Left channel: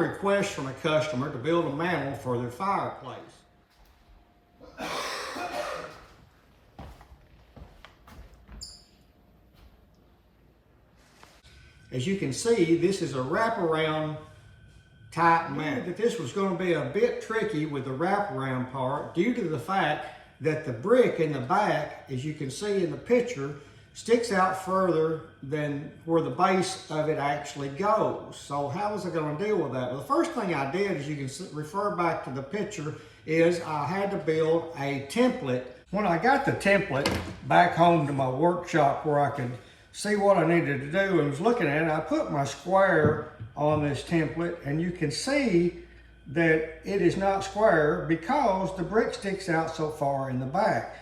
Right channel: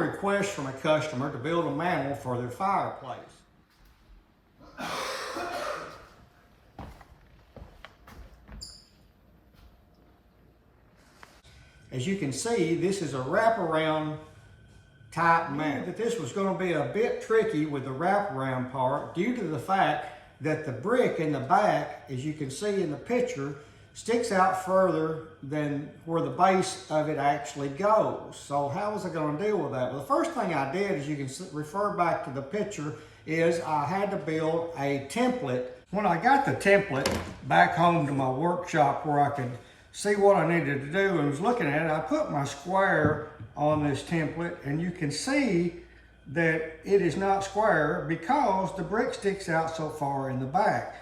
request from a customer to build a mantel for their fireplace. As you can see, this is a wraparound type mantel. I knew that this was going to be a bit tricky with the wraparound part due to the fact that the brick in the back, as you can see in the picture, sticks out further than where the base of it actually goes. So how was I going to deal with that? Well, the first thing I did, as you can refer back to the picture, is I had to build a template. When I got the template back home to my workshop where I could see what I needed to do and was looking at it, I put my square on this template, and you can see that it is not square because the brick sticks out so far in the back.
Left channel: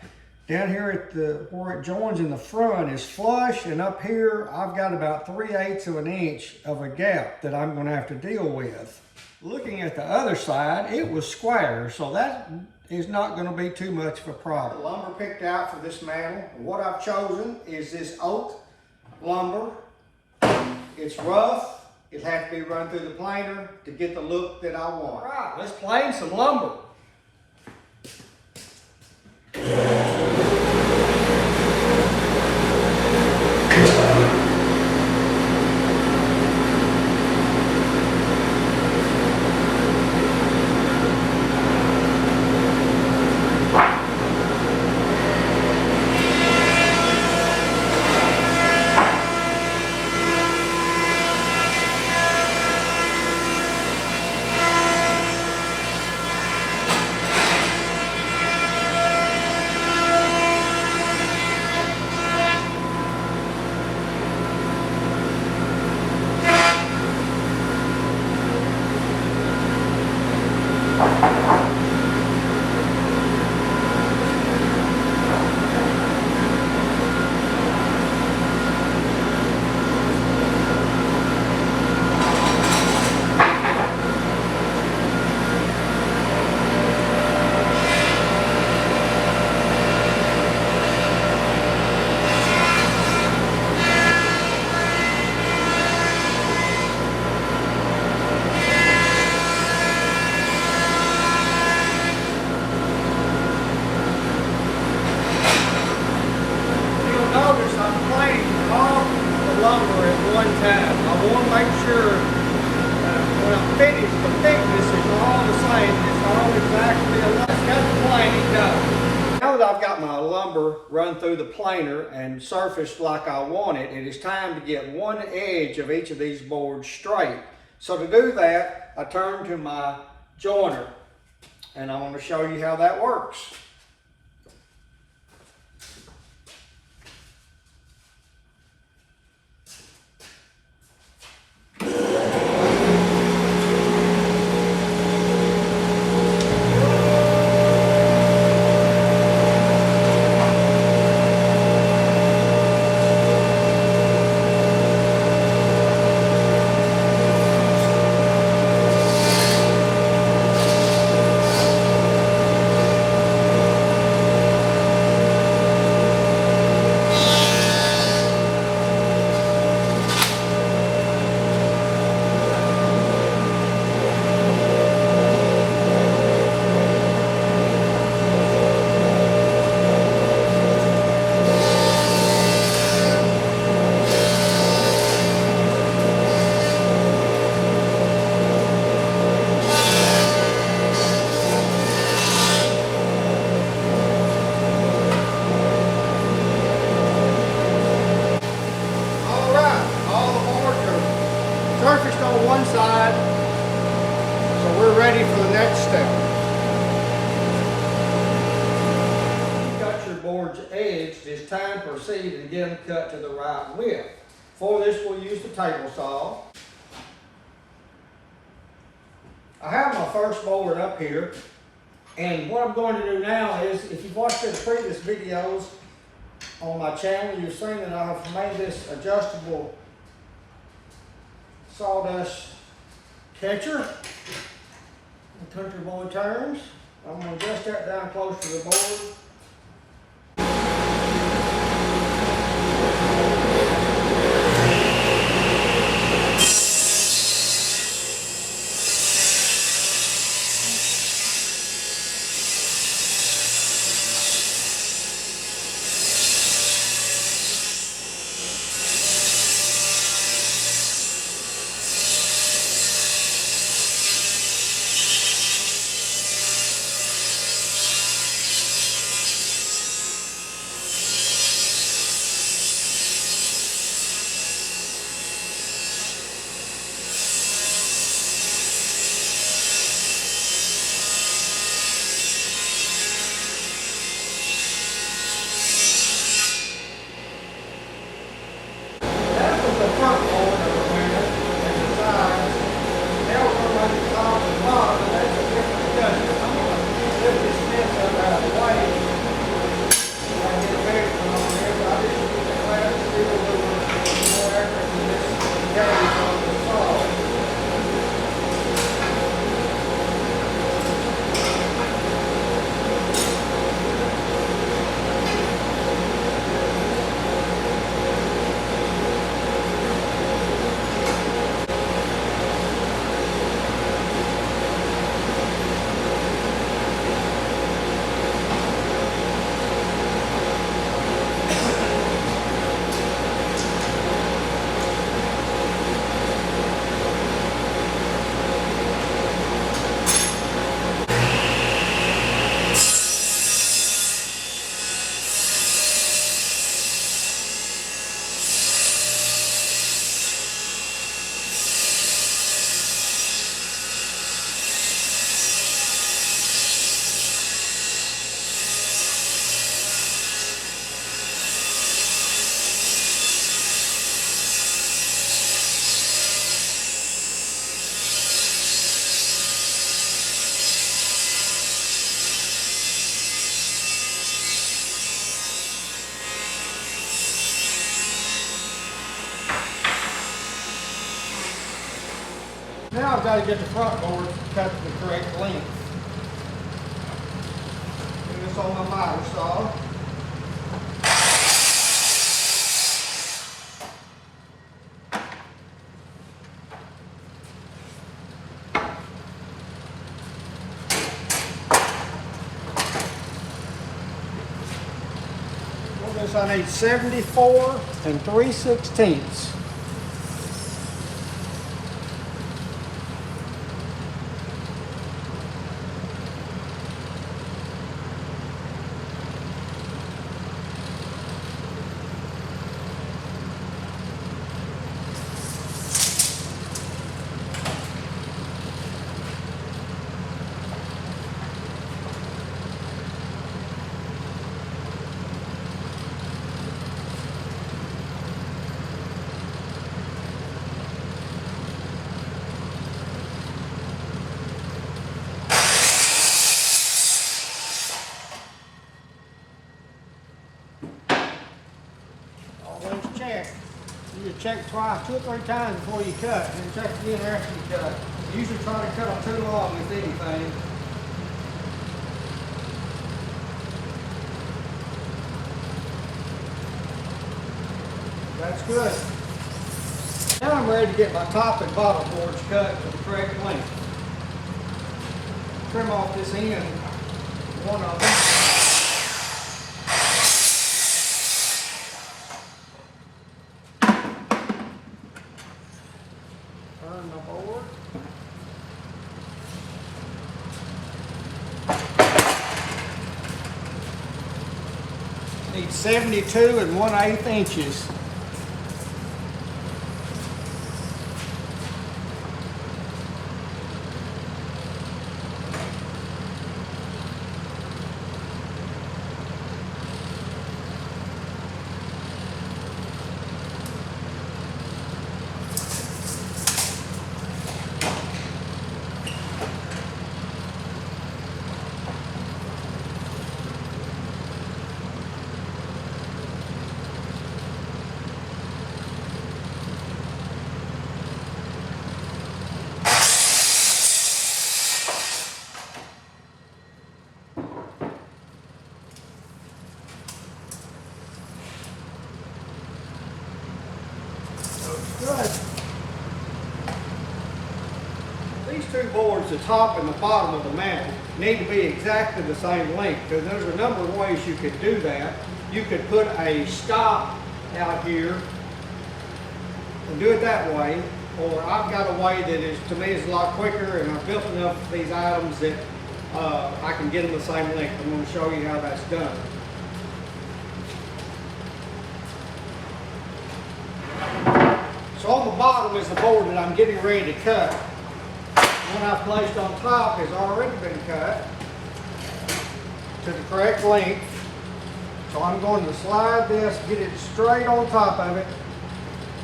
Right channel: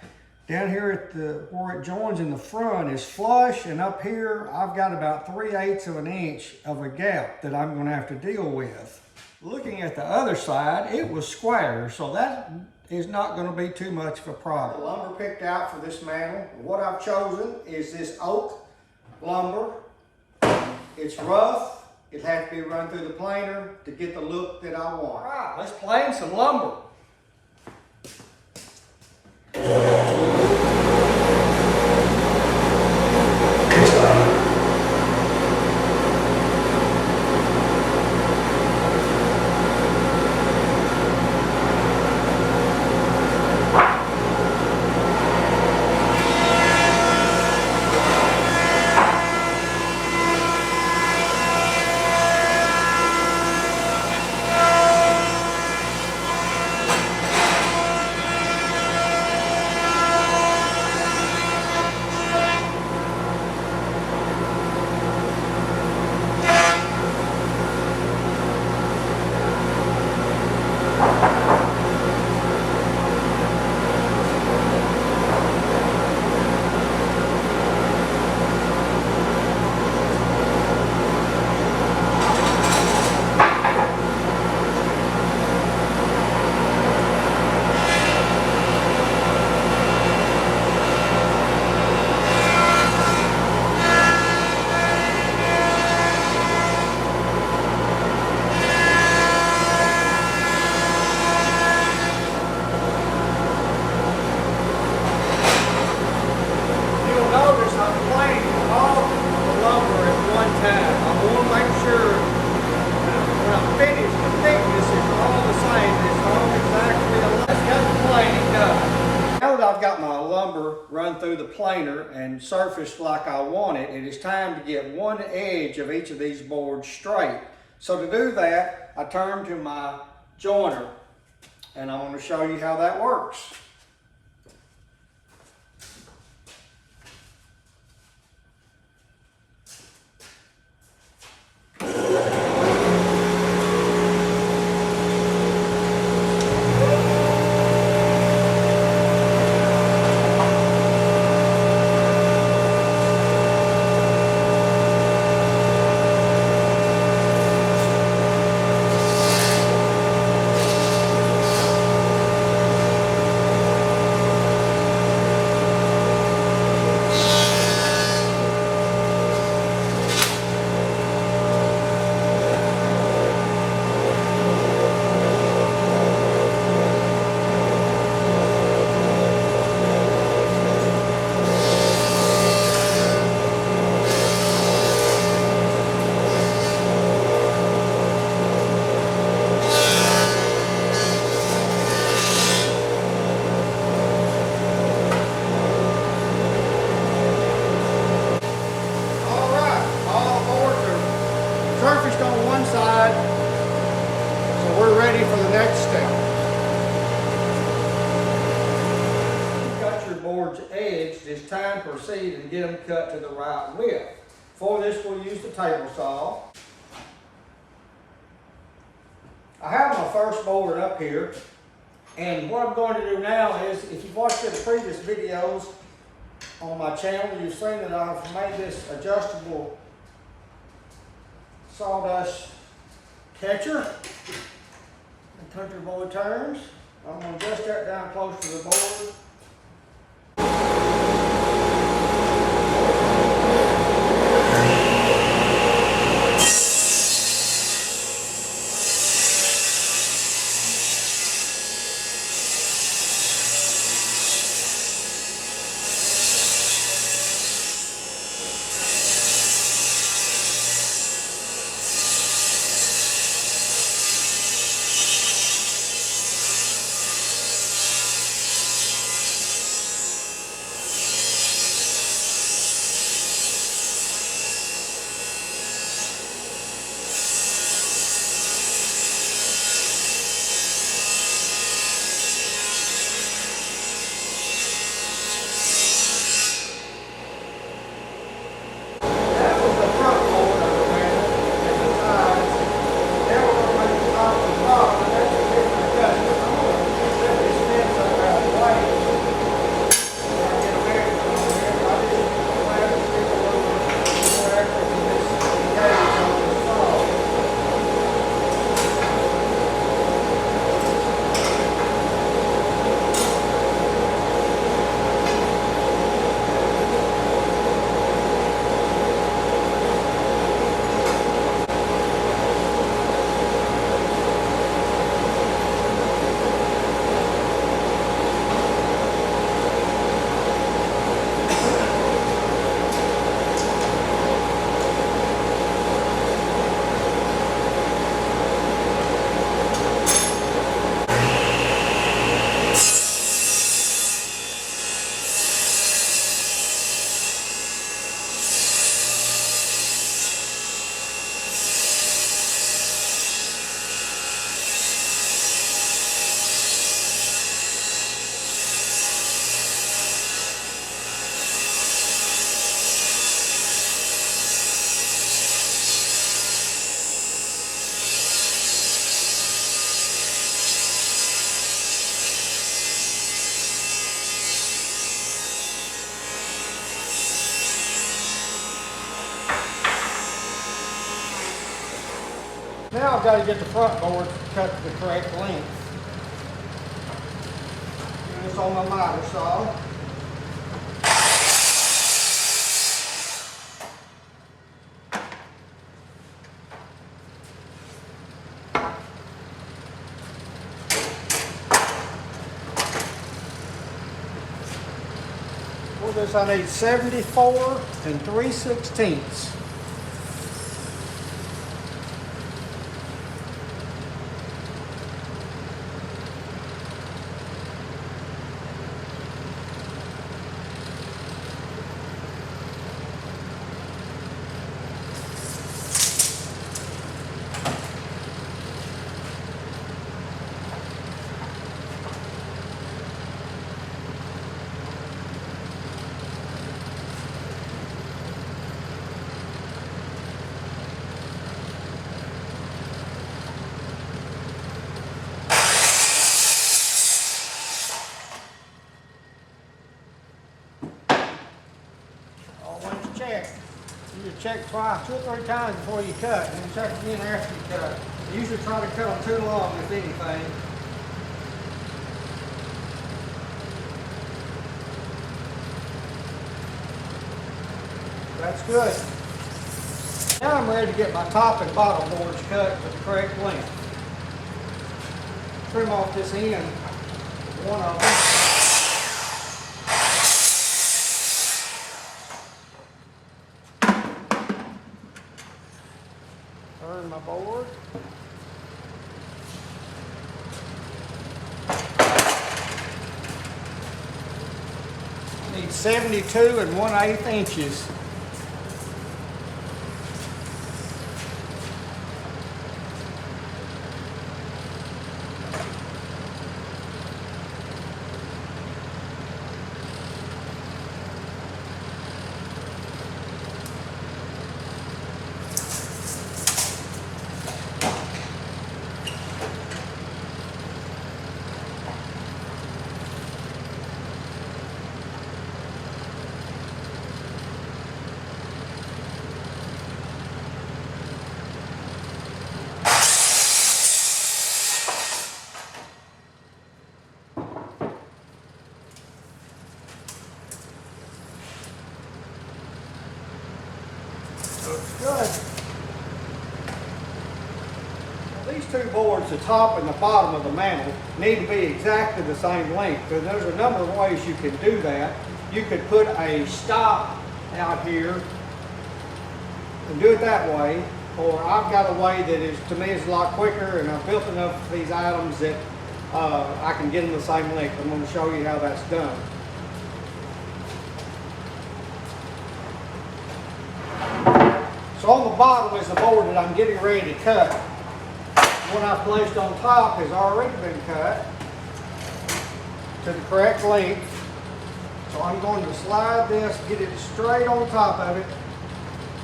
Down here at where it joins in the front is flush, and up here I've got about 3/8 of an inch of a gap that I'm going to have to deal with. Looking at the other side, it was square, so that is not going to be too much of a problem. The lumber picked out for this mantel, what I've chosen is this oak lumber. It's rough. It has to be run through the planer to get the look that I want. All right, let's plane some lumber. Lumber at one time. I want to make sure when I'm finished, the thickness is all the same. It's all exactly alike. It's got the planing done. Now that I've got my lumber run through the planer and surfaced like I want it, it is time to get one edge of each of these boards straight. So to do that, I turn to my joiner, and I want to show you how that works. Surfaced on one side, so we're ready for the next step. You've got your boards edged, it's time to proceed and get them cut to the right width. For this, we'll use the table saw. I have my first board up here, and what I'm going to do now is, if you've watched the previous videos on my channel, you've seen that I've made this adjustable sawdust catcher, in country boy terms. I'm going to adjust that down close to the board. bottom, and that's a different adjustment. I'm going to lift this fence up out of the way. So I can get a measurement over here. So I just use the plastic steel a little bit more accurate than this gauge on the saw. Now I've got to get the front board cut to the correct length. Do this on my miter saw. For this I need 74 3/16. Check. You just check twice, 2 or 3 times before you cut, and then check again after you cut. Usually try to cut them too long with anything. That's good. Now I'm ready to get my top and bottom boards cut to the correct length. Trim off this end, one of them. Turn my board. Need 72 1/8 inches. Good. These two boards, the top and the bottom of the mantle, need to be exactly the same length. Because there's a number of ways you could do that. You could put a stop out here and do it that way, or I've got a way that is, to me, is a lot quicker, and I've built enough of these items that I can get them the same length. I'm going to show you how that's done. So on the bottom is the board that I'm getting ready to cut. The one I've placed on top has already been cut to the correct length. So I'm going to slide this, get it straight on top of it,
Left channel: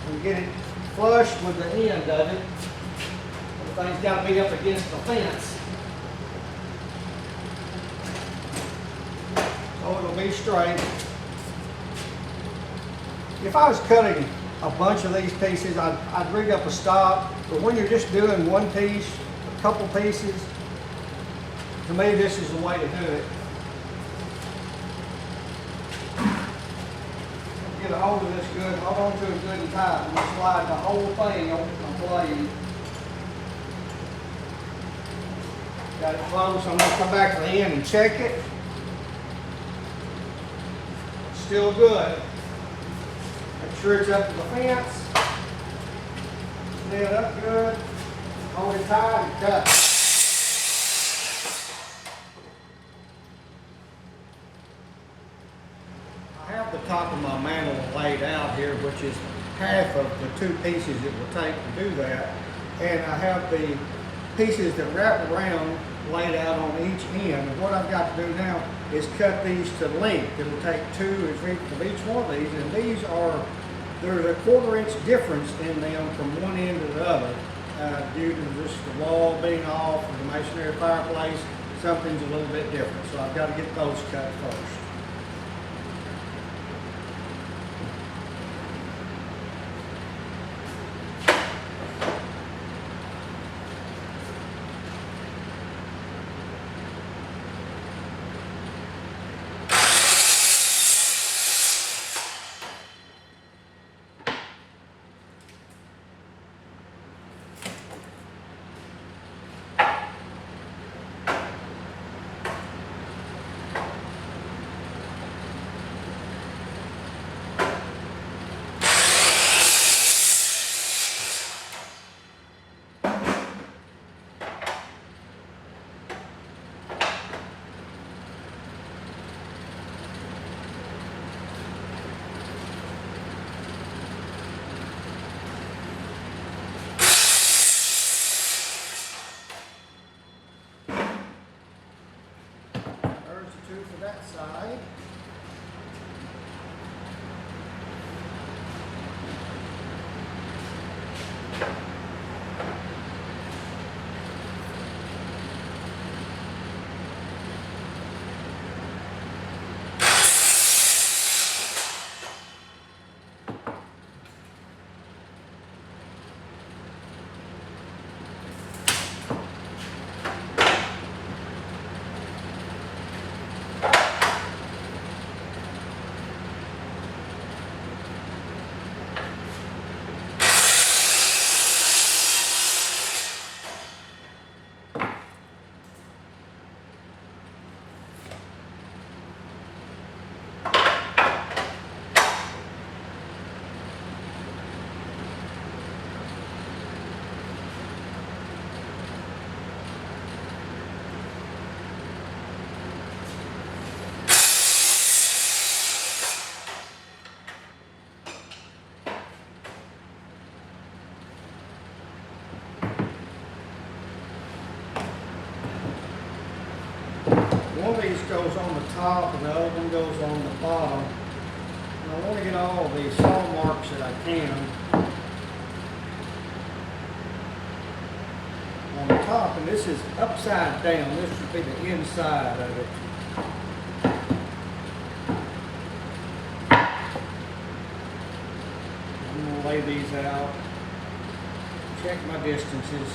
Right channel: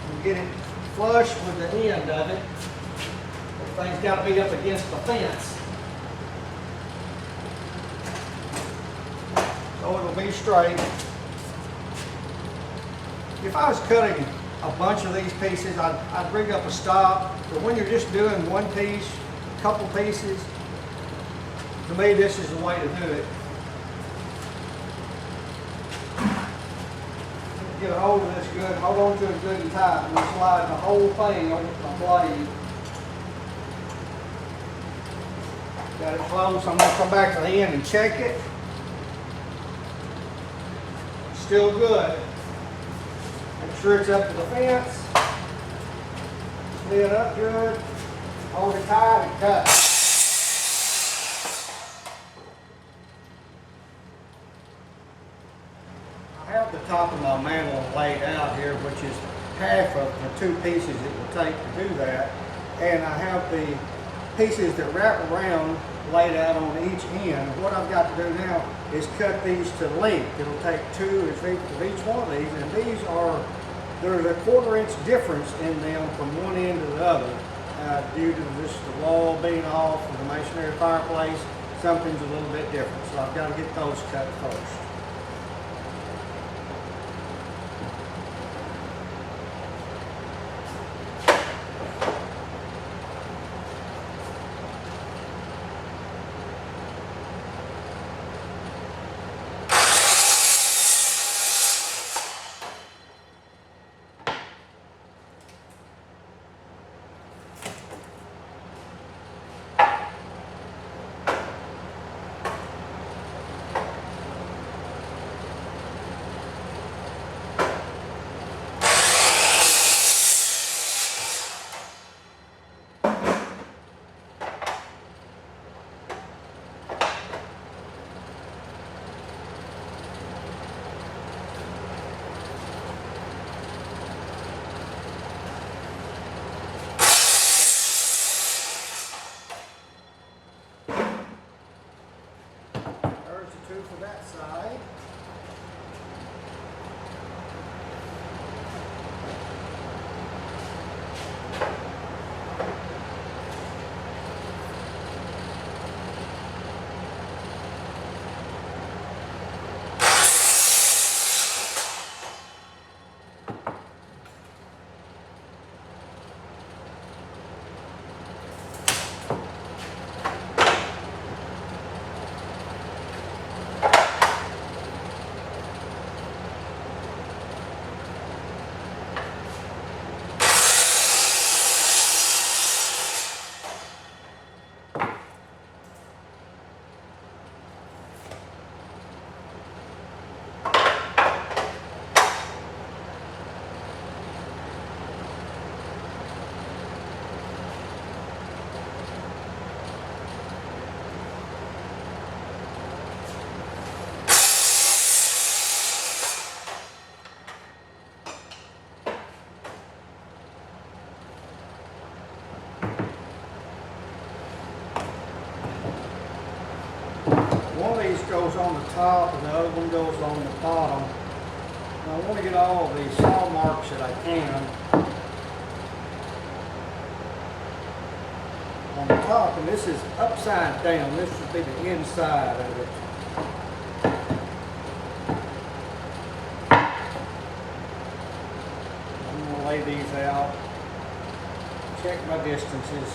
and get it flush with the end of it. Everything's got to be up against the fence. So it'll be straight. If I was cutting a bunch of these pieces, I'd rig up a stop. But when you're just doing one piece, a couple pieces, to me this is the way to do it. Get a hold of this good, hold on to it good and tight. I'm going to slide the whole thing over the blade. Got it close. I'm going to come back to the end and check it. Still good. Make sure it's up to the fence. Lay it up good. Hold it tight and cut. I have the top of my mantle laid out here, which is half of the two pieces it will take to do that. And I have the pieces that wrap around laid out on each end. And what I've got to do now is cut these to length. It'll take 2 of each one of these, and these are, there's a 1/4 inch difference in them from one end to the other due to just the wall being off and the masonry fireplace. Something's a little bit different, so I've got to get those cut first. For that side. One of these goes on the top and the other one goes on the bottom. And I want to get all of these saw marks that I can on the top, and this is upside down. This would be the inside of it. I'm going to lay these out, check my distances.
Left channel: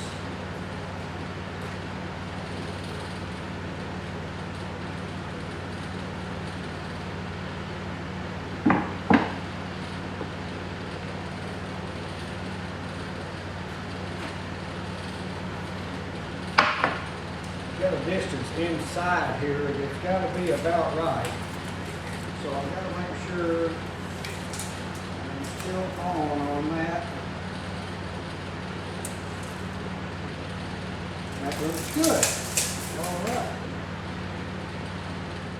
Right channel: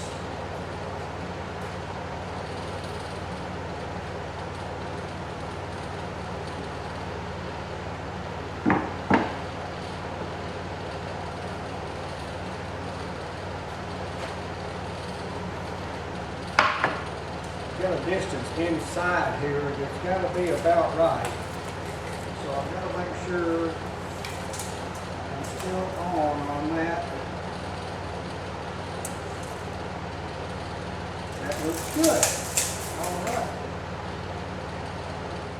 Got a distance inside here that's got to be about right. So I've got to make sure I'm still on that. That looks good. All right.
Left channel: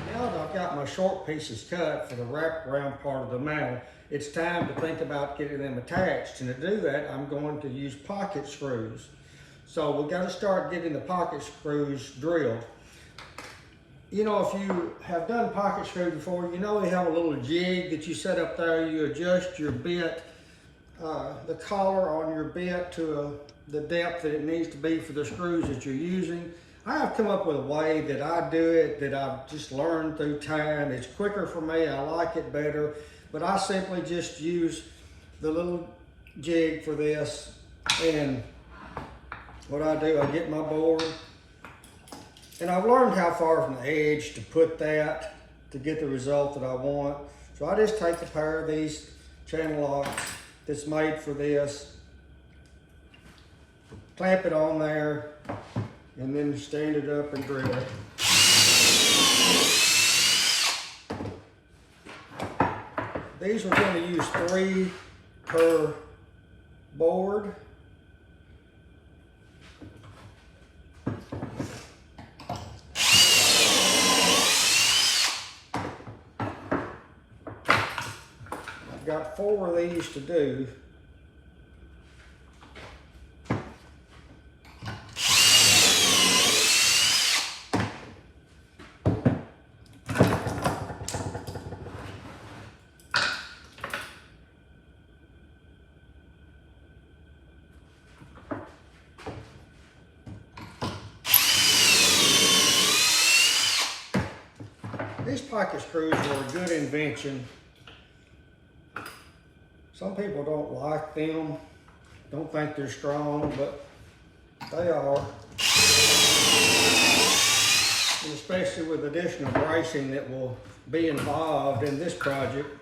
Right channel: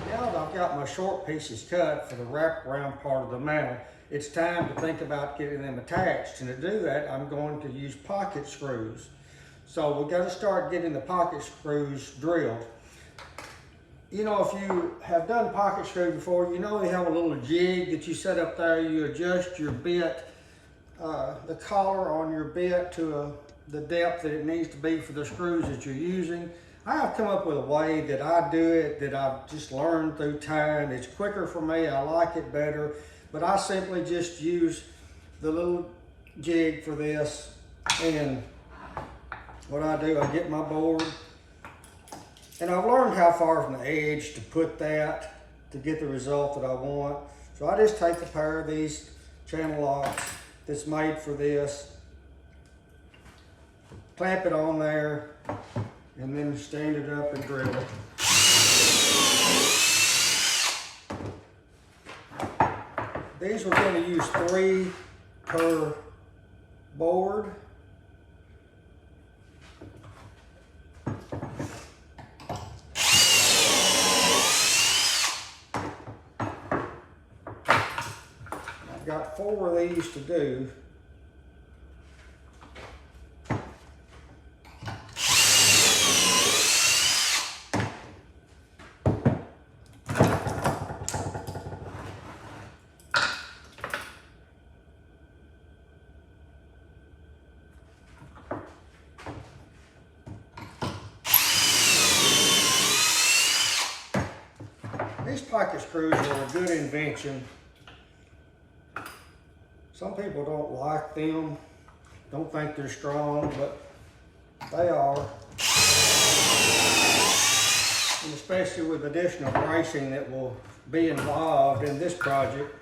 Now that I've got my short pieces cut for the wraparound part of the mantle, it's time to think about getting them attached. And to do that, I'm going to use pocket screws. So we've got to start getting the pocket screws drilled. You know, if you have done pocket screws before, you know they have a little jig that you set up there. You adjust your bit, the collar on your bit to a the depth that it needs to be for the screws that you're using. I have come up with a way that I do it that I've just learned through time. It's quicker for me, I like it better, but I simply just use the little jig for this, and what I do, I get my board, and I've learned how far from the edge to put that to get the result that I want. So I just take a pair of these channel locks that's made for this, clamp it on there, and then stand it up and drill it. These we're going to use 3 per board. I've got 4 of these to do. These pocket screws are a good invention. Some people don't like them, don't think they're strong, but they are. And especially with additional bracing that will be involved in this project.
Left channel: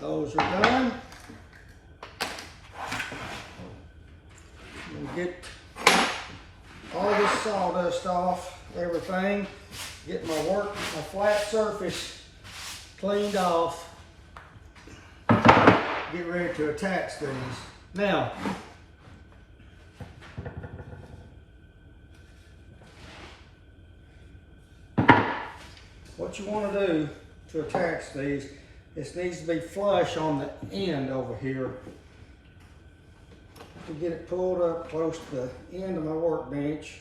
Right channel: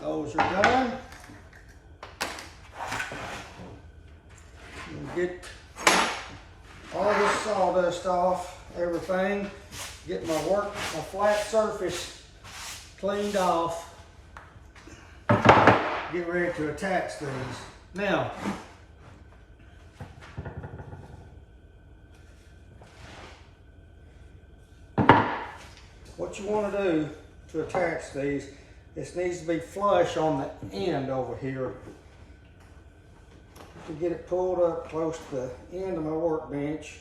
Those are done. We'll get all this sawdust off, everything. Get my flat surface cleaned off. Get ready to attach these. Now, what you want to do to attach these, this needs to be flush on the end over here. To get it pulled up close to the end of my workbench.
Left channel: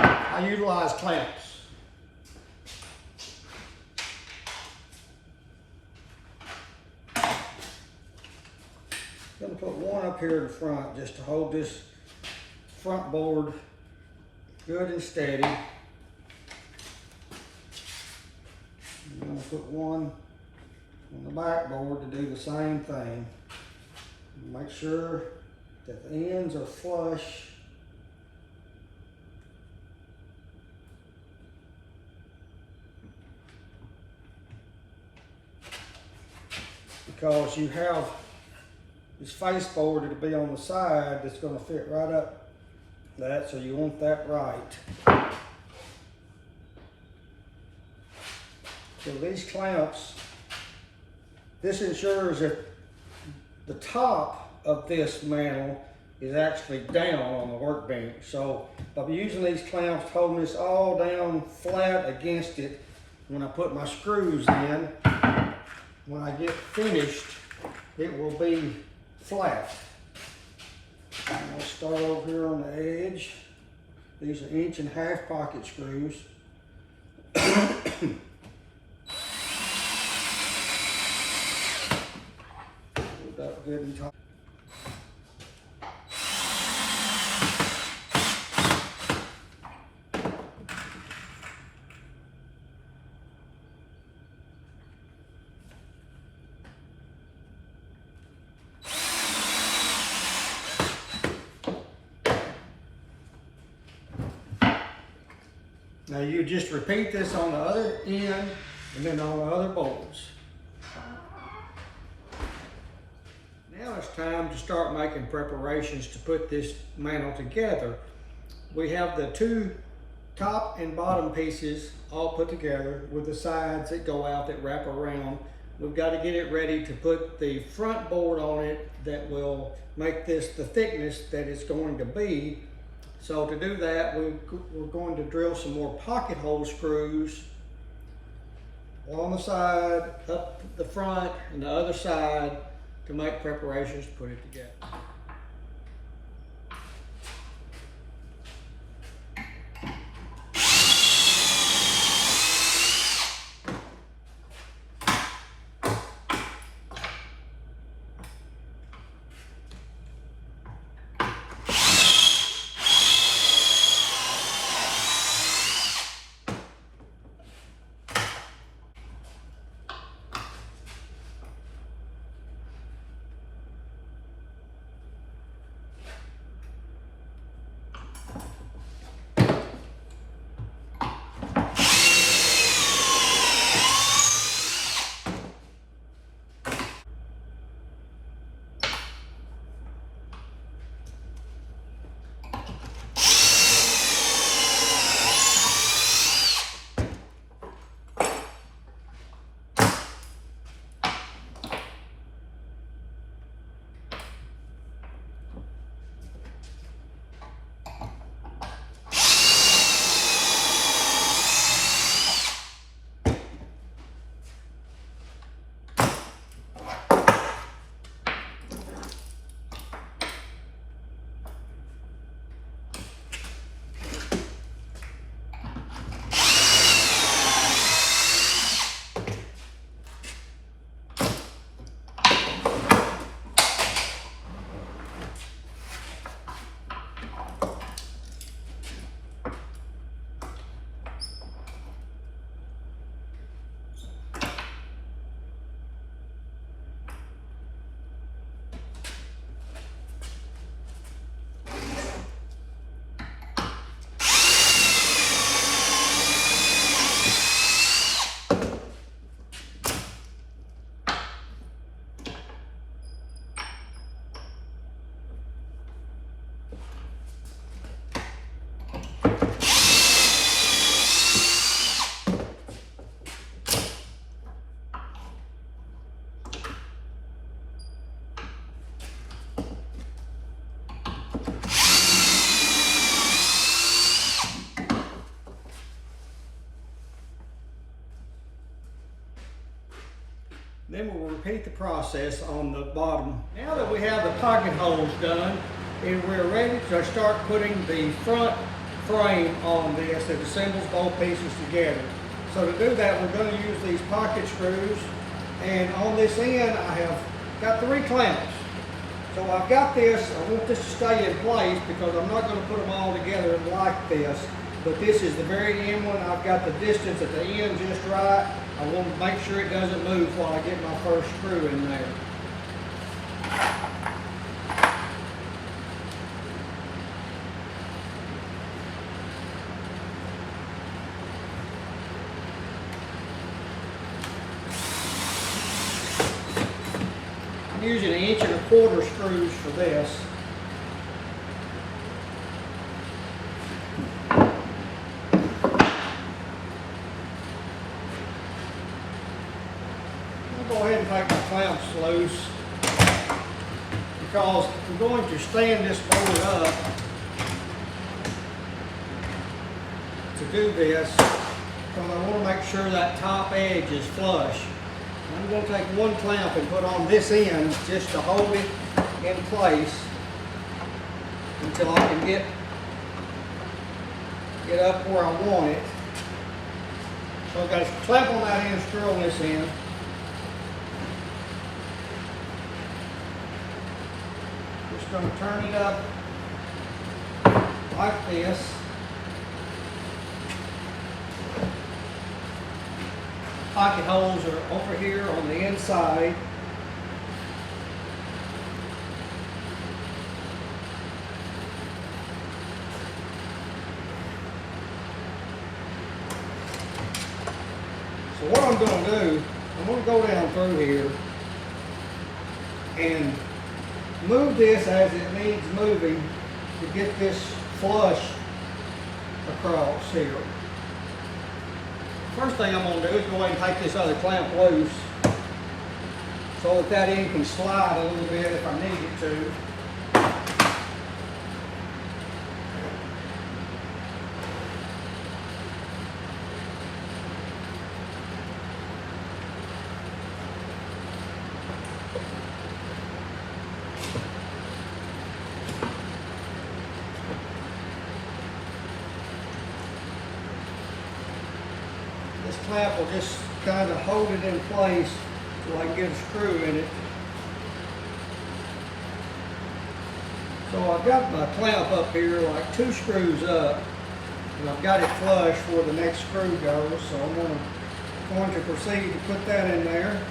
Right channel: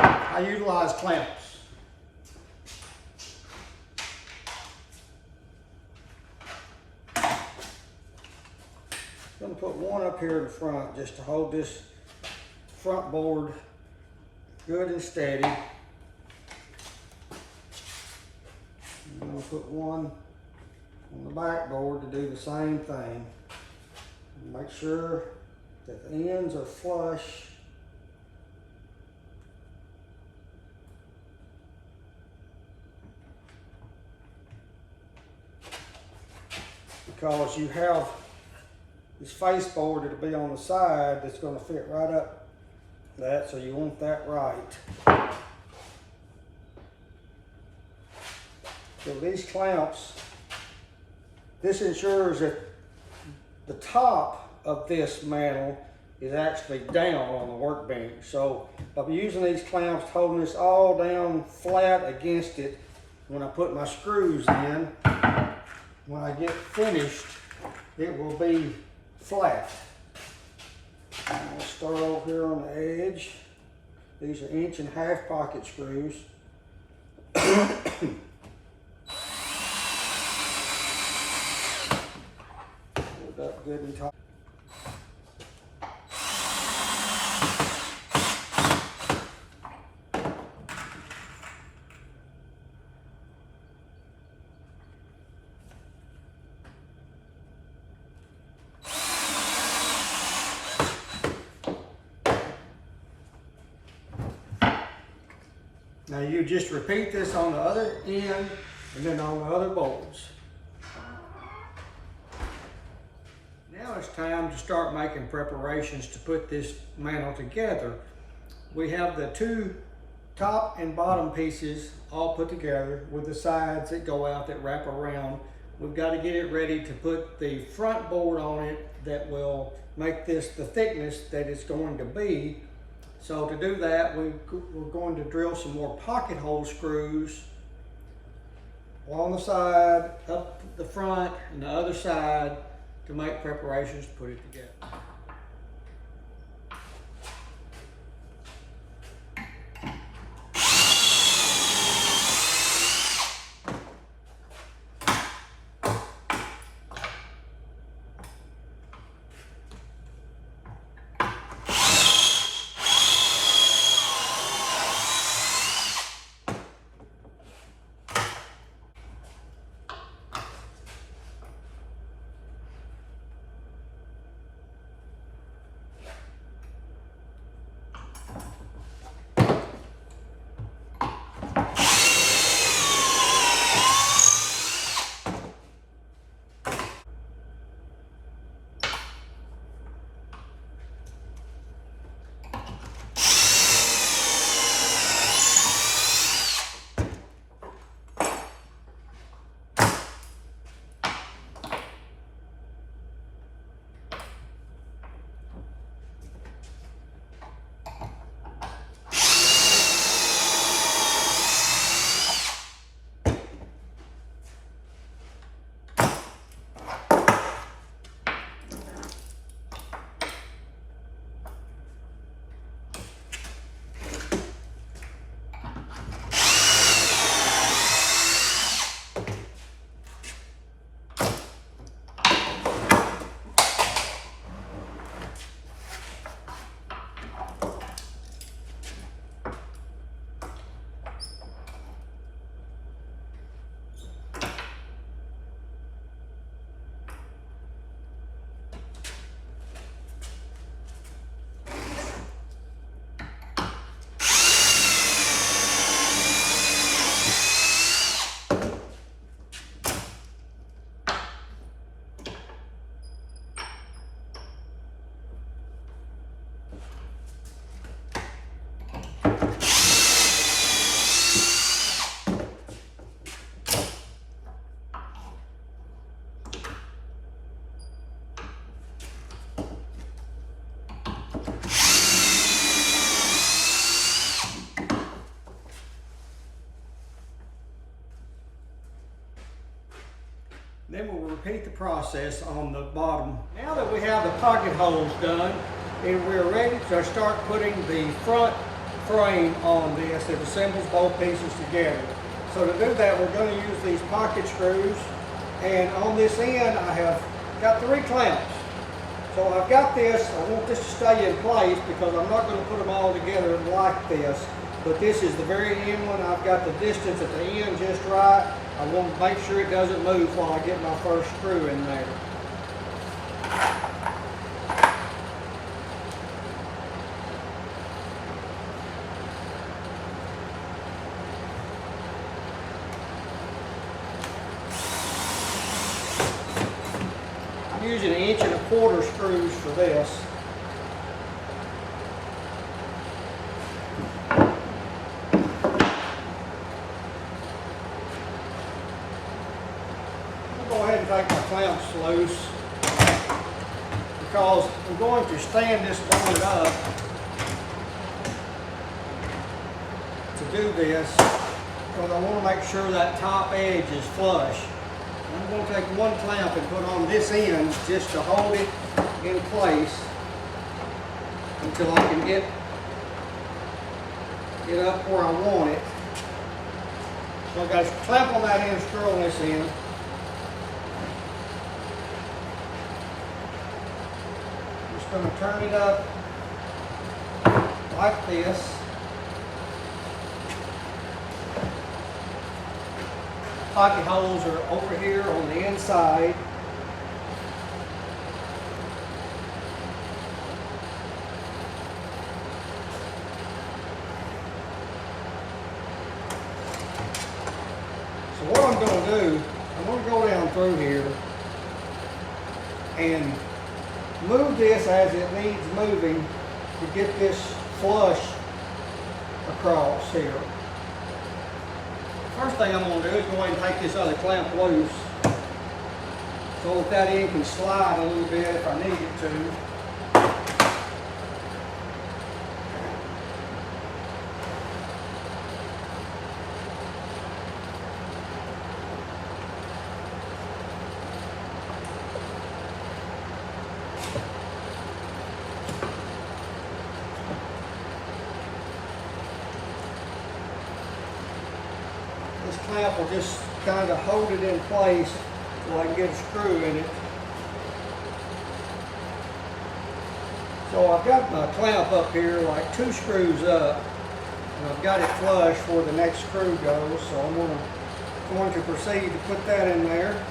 I utilize clamps. I'm going to put one up here in the front just to hold this front board good and steady. I'm going to put one on the back board to do the same thing. Make sure that the ends are flush. Because you have this face board that'll be on the side that's going to fit right up that, so you want that right. So these clamps, this ensures that the top of this mantle is actually down on the workbench. So I'm using these clamps, holding this all down flat against it. When I put my screws in, when I get finished, it will be flat. I'll start over here on the edge. These are 1.5 inch pocket screws. Put that good and tight. Now you just repeat this on the other end and then on the other boards. Now it's time to start making preparations to put this mantle together. We have the 2 top and bottom pieces all put together with the sides that go out that wrap around. We've got to get it ready to put the front board on it that will make this the thickness that it's going to be. So to do that, we're going to drill some more pocket hole screws along the side, up the front, and the other side to make preparations to put it together. Then we'll repeat the process on the bottom. Now that we have the pocket holes done, and we're ready to start putting the front frame on this that assembles both pieces together. So to do that, we're going to use these pocket screws, and on this end I have got 3 clamps. So I've got this, I want this to stay in place because I'm not going to put them all together like this, but this is the very end one. I've got the distance at the end just right. I want to make sure it doesn't move while I get my first screw in there. I'm using 1.25 inch screws for this. take my clamps loose because I'm going to stand this board up to do this because I want to make sure that top edge is flush. I'm going to take one clamp and put on this end just to hold it in place until I can get up where I want it. So I got a clamp on that end, screw on this end. Just going to turn it up like this. Pocket holes are over here on the inside. So what I'm going to do, I'm going to go down through here and move this as it needs moving to get this flush across here. First thing I'm going to do is go ahead and take this other clamp loose so that end can slide a little bit if I need it to. This clamp will just kind of hold it in place so I can get a screw in it. So I've got my clamp up here like 2 screws up, and I've got it flush where the next screw goes. So I'm going to proceed to put that in there.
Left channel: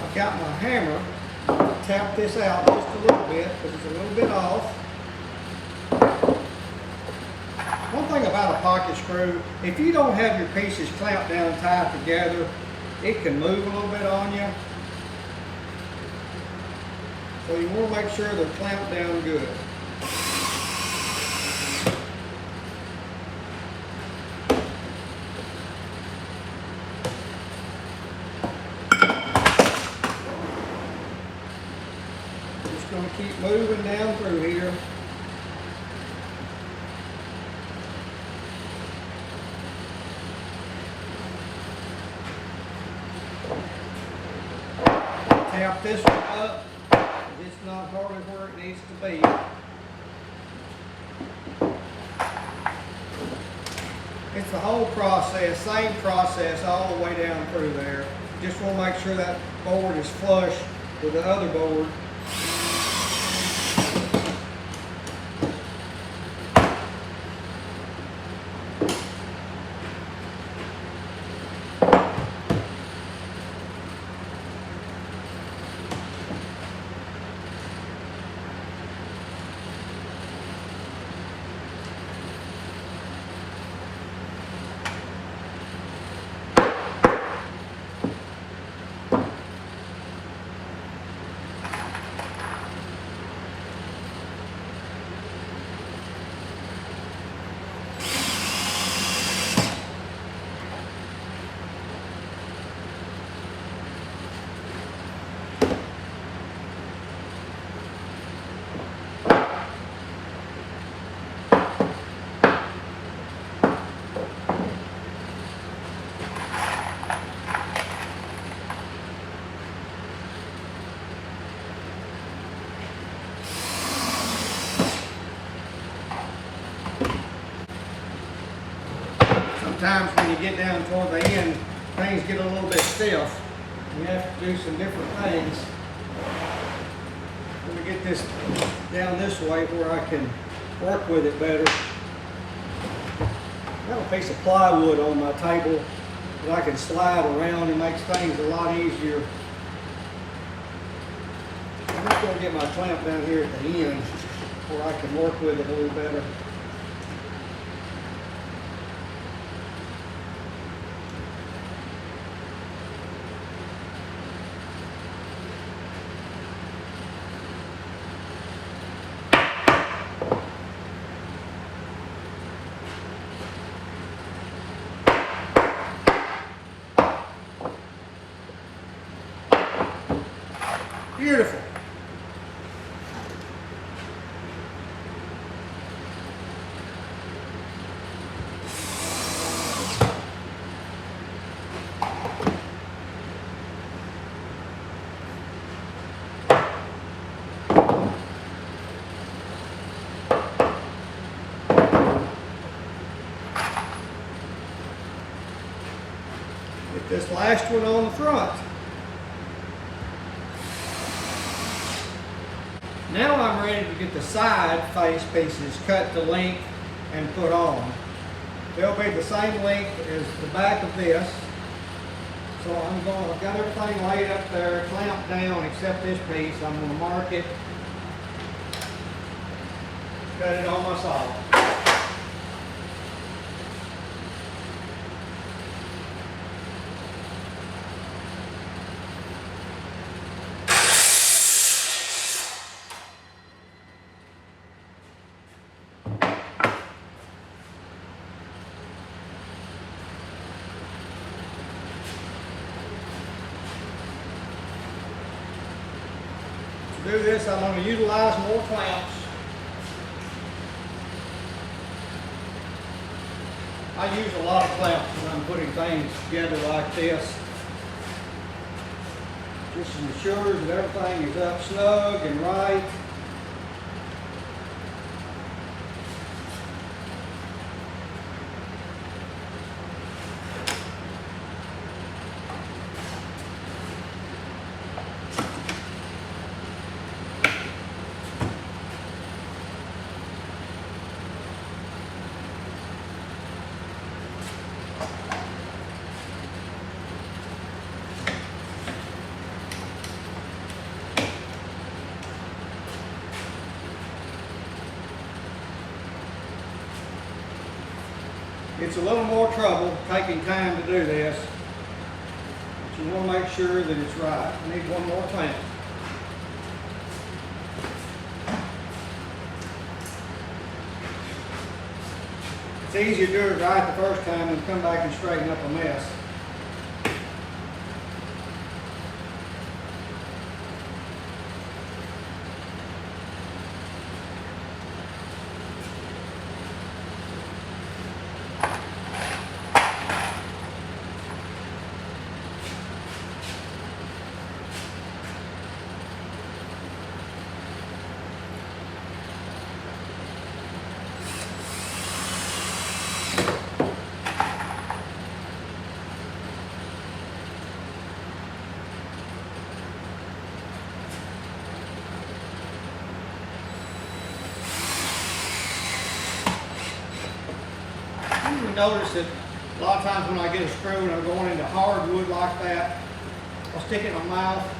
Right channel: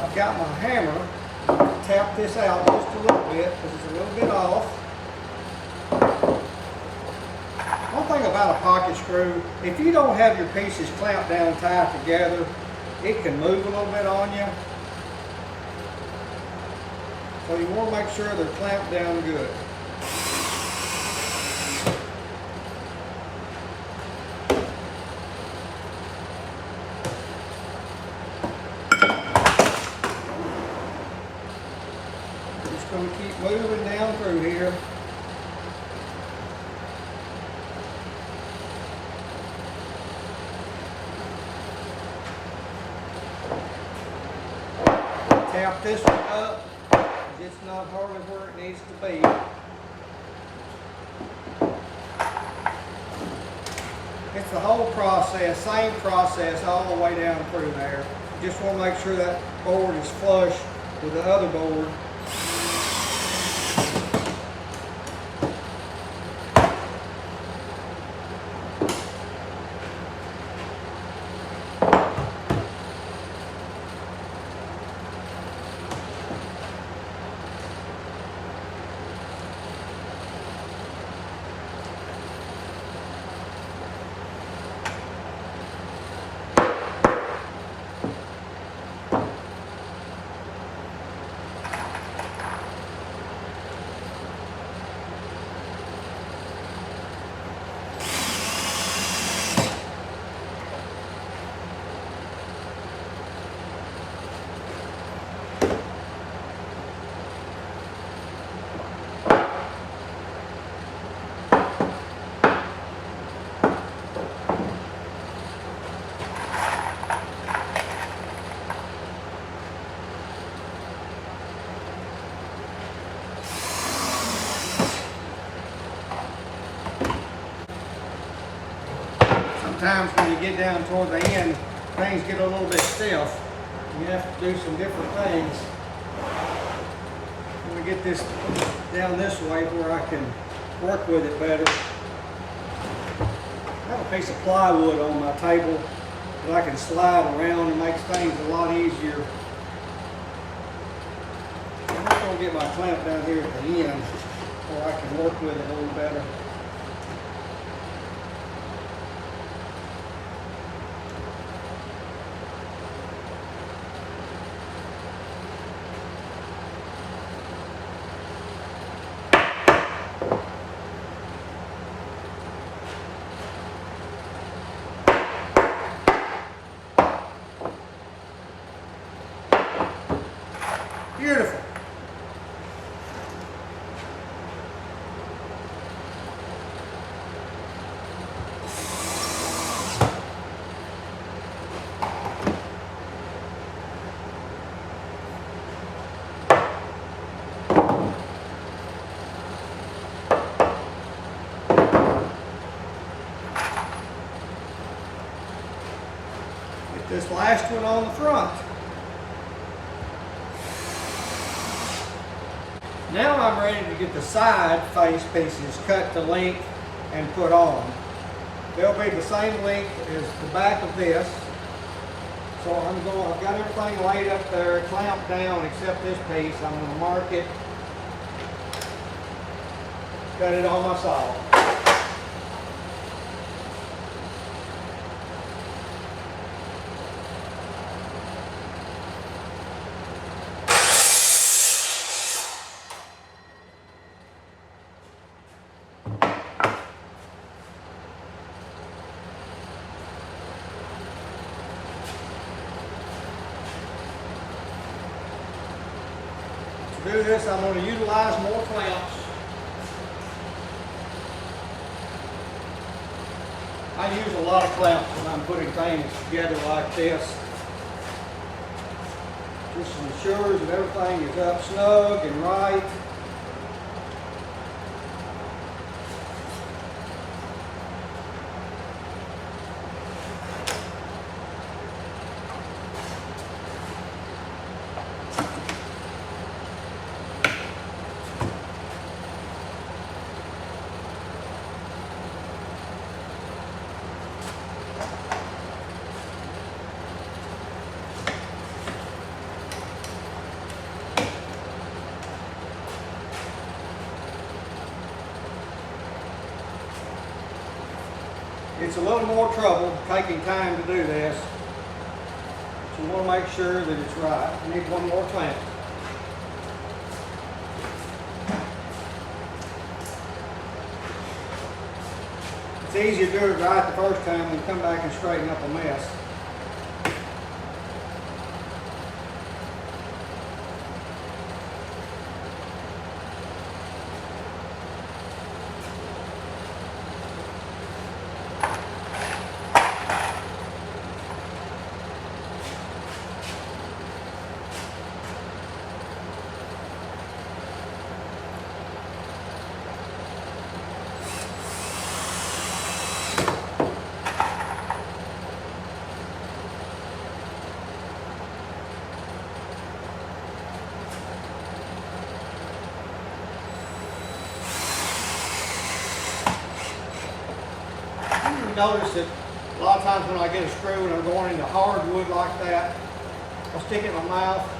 I've got my hammer, tap this out just a little bit because it's a little bit off. One thing about a pocket screw, if you don't have your pieces clamped down tight together, it can move a little bit on you. So you want to make sure they're clamped down good. Going to keep moving down through here. Tap this one up. It's not hardly where it needs to be. It's the whole process, same process all the way down through there. Just want to make sure that board is flush with the other board. Sometimes when you get down toward the end, things get a little bit stiff. You have to do some different things. I'm going to get this down this way where I can work with it better. I have a piece of plywood on my table that I can slide around and makes things a lot easier. I'm just going to get my clamp down here at the end where I can work with it a little better. Get this last one on the front. Now I'm ready to get the side face pieces cut to length and put on. They'll be the same length as the back of this. So I've got everything laid up there, clamped down except this piece. I'm going to mark it, cut it on my saw. To do this, I'm going to utilize more clamps. I use a lot of clamps when I'm putting things together like this. Just ensures that everything is up snug and right. It's a little more trouble taking time to do this. But you want to make sure that it's right. I need one more clamp. It's easier to do it right the first time than come back and straighten up a mess. Notice that a lot of times when I get a screw and I'm going into hardwood like that, I'll stick it in my mouth.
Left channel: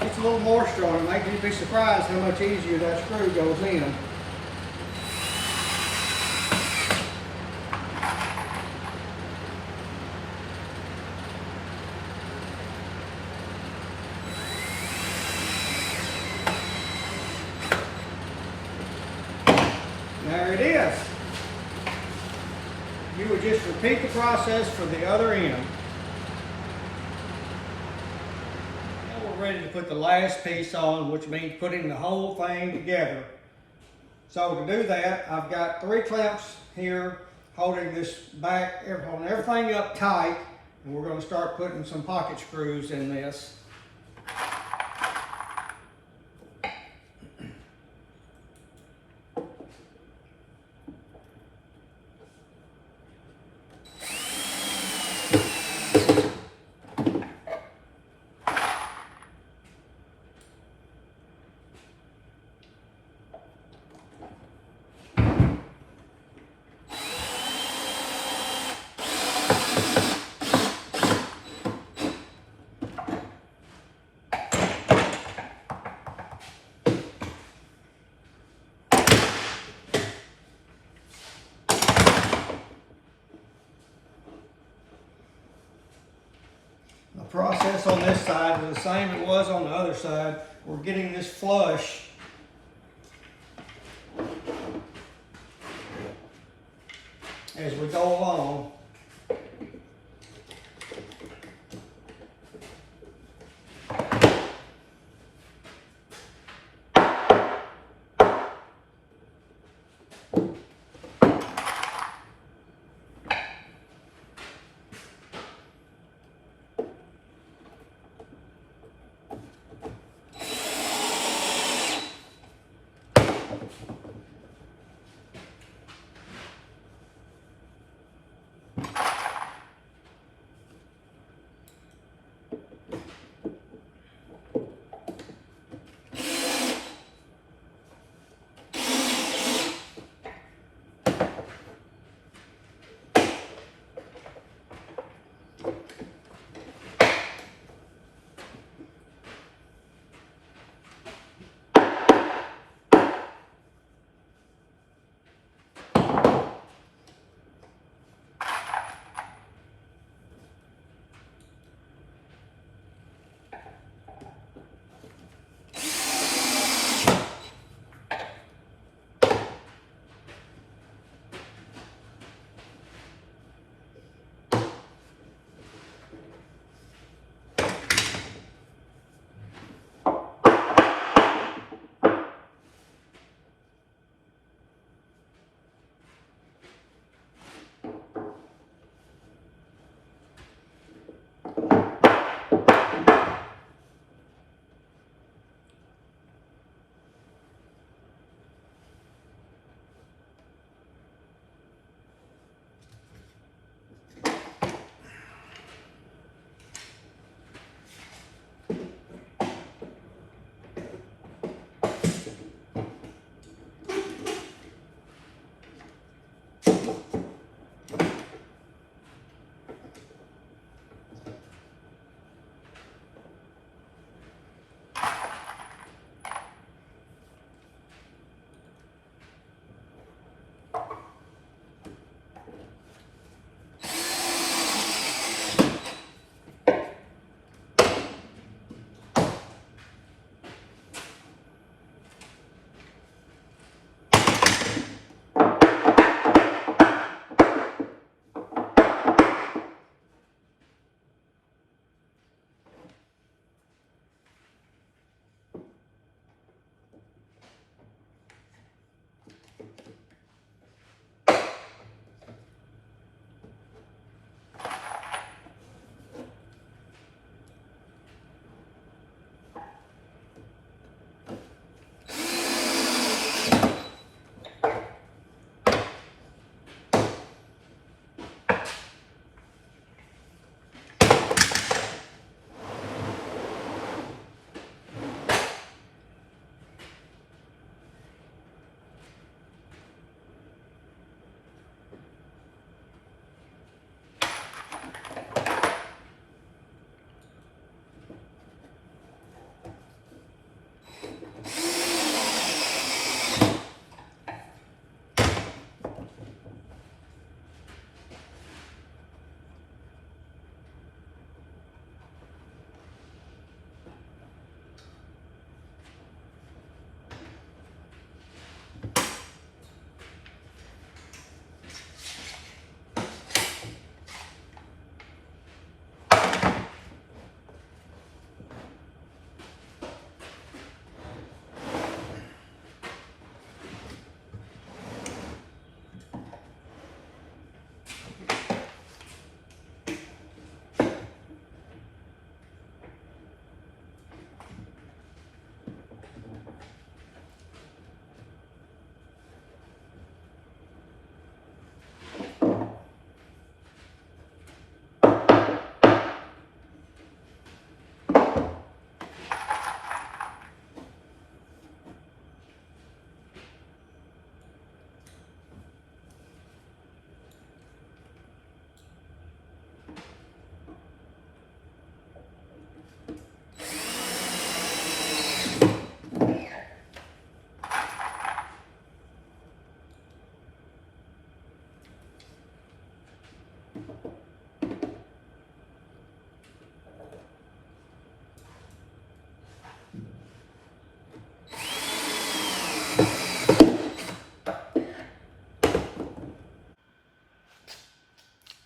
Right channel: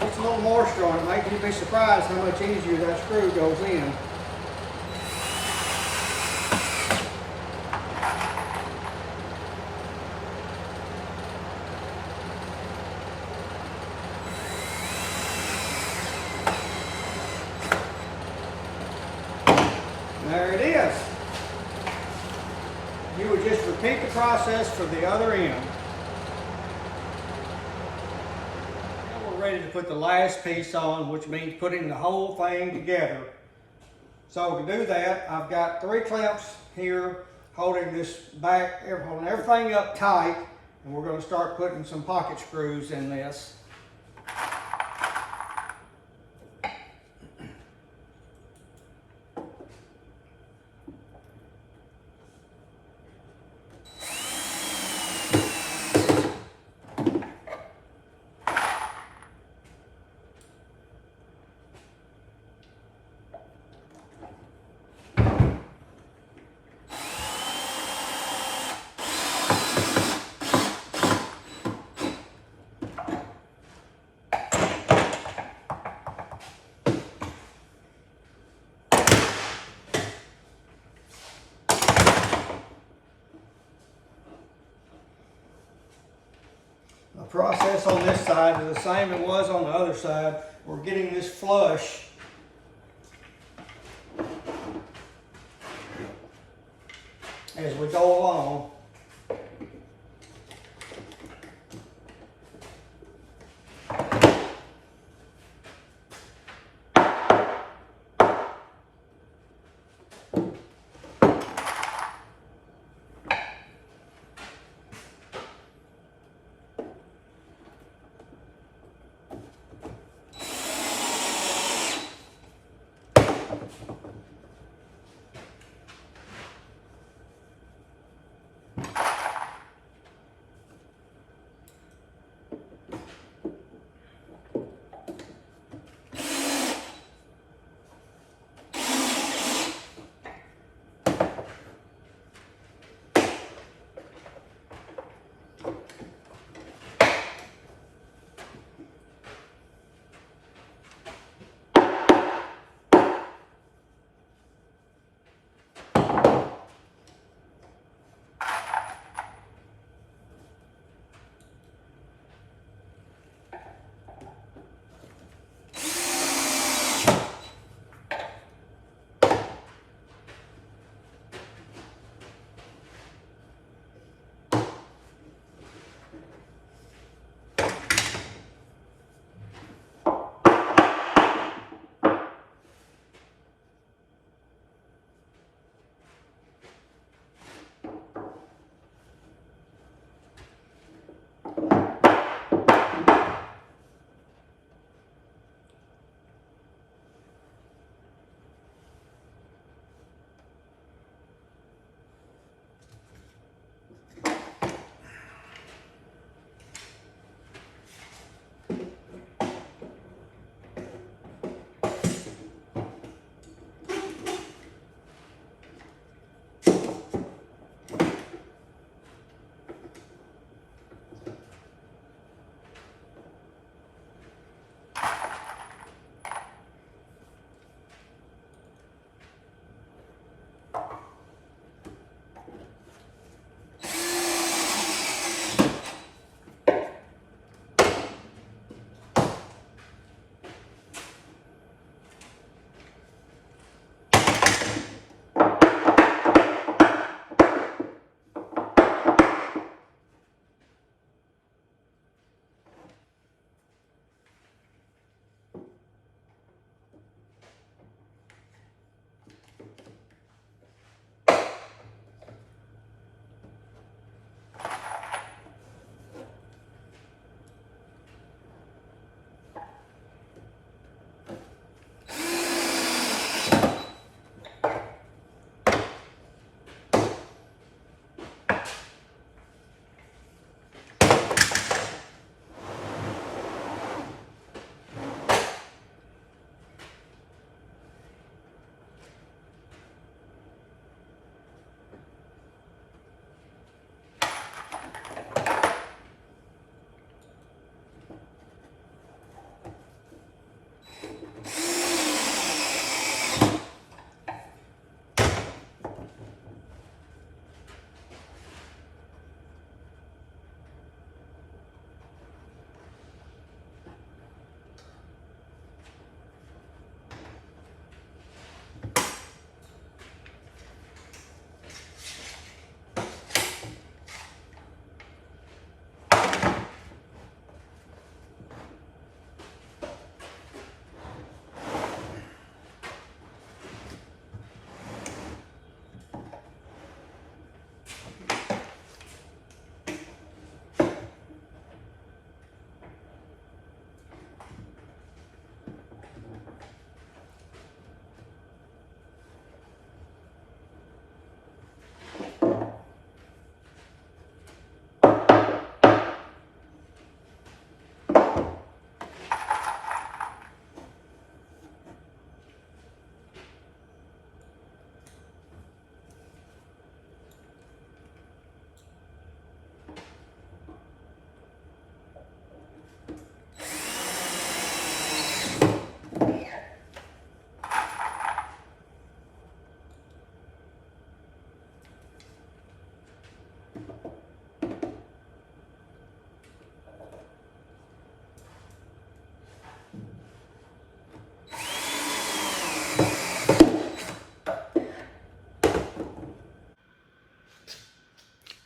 It's a little moisture on it. Make you be surprised how much easier that screw goes in. There it is. You would just repeat the process for the other end. Now we're ready to put the last piece on, which means putting the whole thing together. So to do that, I've got 3 clamps here holding this back, holding everything up tight, and we're going to start putting some pocket screws in this. The process on this side is the same it was on the other side. We're getting this flush. As we go along.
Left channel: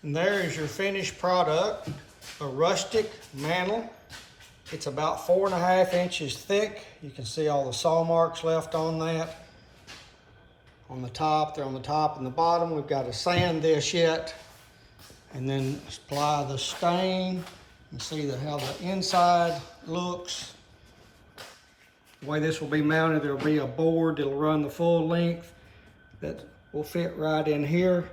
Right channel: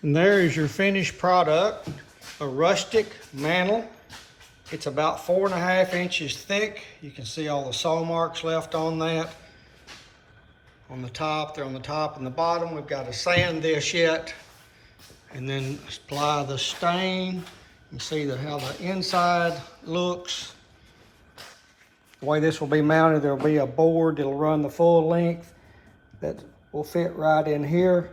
And there is your finished product, a rustic mantle. It's about 4.5 inches thick. You can see all the saw marks left on that. On the top, they're on the top and the bottom. We've got to sand this yet and then apply the stain. You can see how the inside looks. The way this will be mounted, there'll be a board that'll run the full length that will fit right in here.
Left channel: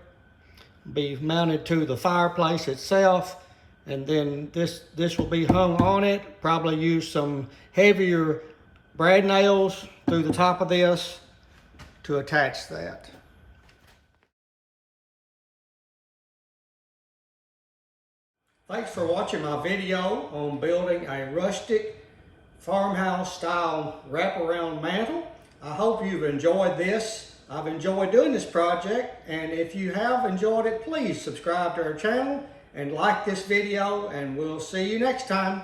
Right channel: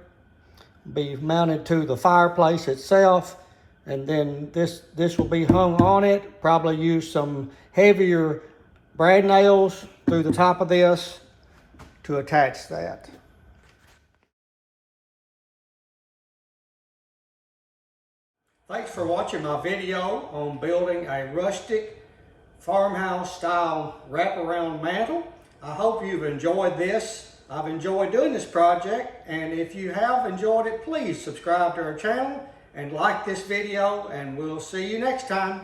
Be mounted to the fireplace itself, and then this will be hung on it. Probably use some heavier brad nails through the top of this to attach that. Thanks for watching my video on building a rustic farmhouse style wraparound mantle. I hope you've enjoyed this. I've enjoyed doing this project, and if you have enjoyed it, please subscribe to our channel and like this video, and we'll see you next time.